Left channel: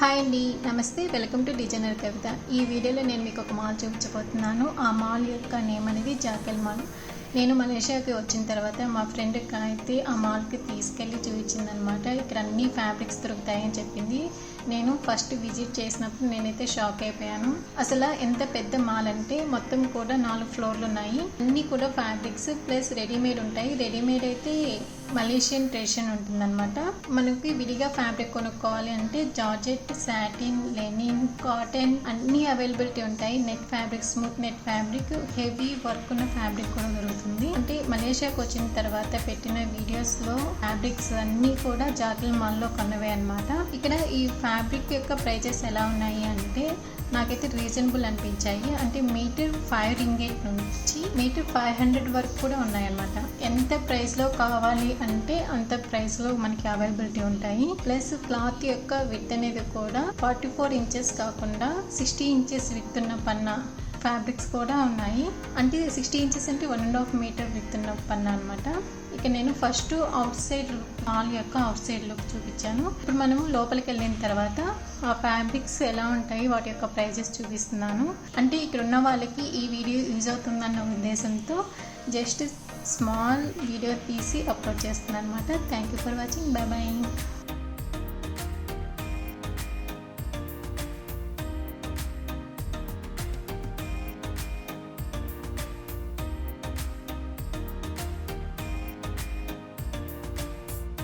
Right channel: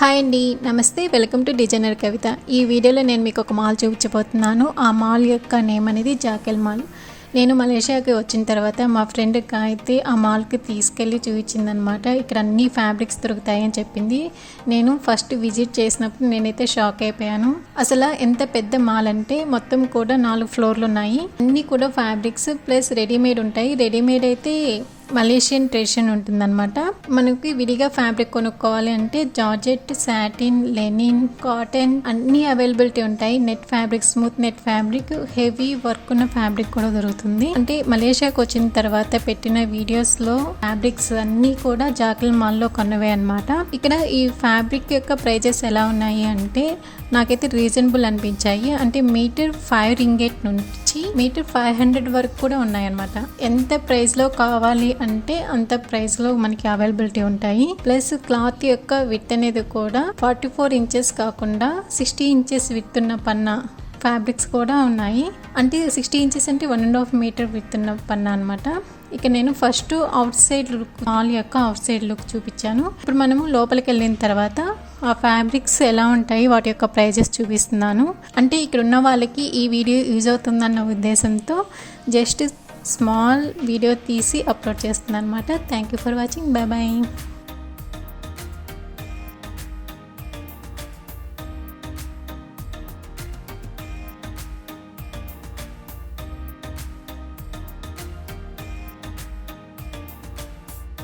Hi అండి నమస్తే. Welcome to designer Kavitha. ఈ వీడియోలో నేను మీకు ఒక మాల్ చూపించబోతున్నాను. ఆ మాల్ యొక్క నేమ్ అనేది జాకెల్ మాల్. నేను మలేషియాకి వచ్చిన తర్వాత మా ఫ్రెండ్కి అయితే ఆ మాల్కి తీసుకెళ్ళి చూపించిందనమాట. ఇక్కడ అన్ని ఫ్యాబ్రిక్స్ దొరుకుతాయని చెప్పింది. నేను ఫస్ట్ విజిట్ చేసినప్పుడు నేనైతే షాక్ అయిపోయాను. అసలు ఎంత పెద్ద మాల్ అంటే మొత్తం కూడా నాలుగు ఫ్లోర్లు ఉన్నాయి. అన్నీ కూడా ఫ్యాబ్రిక్స్ ప్లస్ రెడీమేడ్ ఉంటాయి. రెడీమేడ్ అయితే మలేషియన్ ట్రెడిషన్ ఉంటుందన్నమాట. మనకి విడిగా ఫ్యాబ్రిక్ కొనుక్కోవాలి అంటే జార్జెట్ సాటిన్ లెనిన్ కాటన్ అన్ని అవైలబిలిటీ ఉంటాయి. Net fabric smooth net fabric heavy work ఉన్న ఫ్యాబ్రిక్ కూడా దొరుకుతుంది. అంటే మలేషియాకి వచ్చిన తర్వాత పెట్టిన వీడియోస్లో ఫ్యాబ్రిక్స్ అన్ని కూడా జాకిల్ మాల్లో కొన్నవే అనమాట ఇక్కడ ఈ ఫ్యాబ్రిక్ యొక్క ప్రైజెస్ ఎలా ఉన్నాయి అంటే నాకైతే రీజనబుల్ అనిపించాయి. అంటే మీటర్ ఫైవ్ రింగేట్ నుంచి మీటర్ ఫైవ్ హండ్రెడ్ వరకు కూడా ఉన్నాయన్నమాట. ఎంత ప్రైస్లో కావాలి అంటే అంత ప్రైస్లో మనకి అవైలబిలిటీ ఉంటాయి. ప్లస్ క్లాత్ యొక్క విత్ అనేది కూడా ఫార్టీ ఫోర్ ఇంచెస్ కాకుండా సిక్స్టీ ఇంచెస్ విత్ ఉన్న పన్నా ఫ్యాబ్రిక్స్ కూడా ఉన్నాయి. అంటే సిక్స్టీ ఇంచెస్ అంటే one and half metre width ఉన్న పన్నా అనమాట ఇక నేను first outside look mall యొక్క అవుట్ సైడ్ లుక్ చూపించాను. ఇప్పుడు మనము లోపలికి వెళ్ళిన తర్వాత ఆ ఫ్యాబ్రిక్స్ ఎలా ఉంటాయి వాటి యొక్క ప్రైజెస్ చూపిస్తున్నాను. అంటే ఇక్కడ ఉన్న వాళ్ళకి ఈ వీడియో యూజ్ అవుతుందన్న ఉద్దేశంతో జస్ట్ స్మాల్ వీడియో తీసి అప్లోడ్ చేస్తున్నాను అనమాట thank you for watching bye bye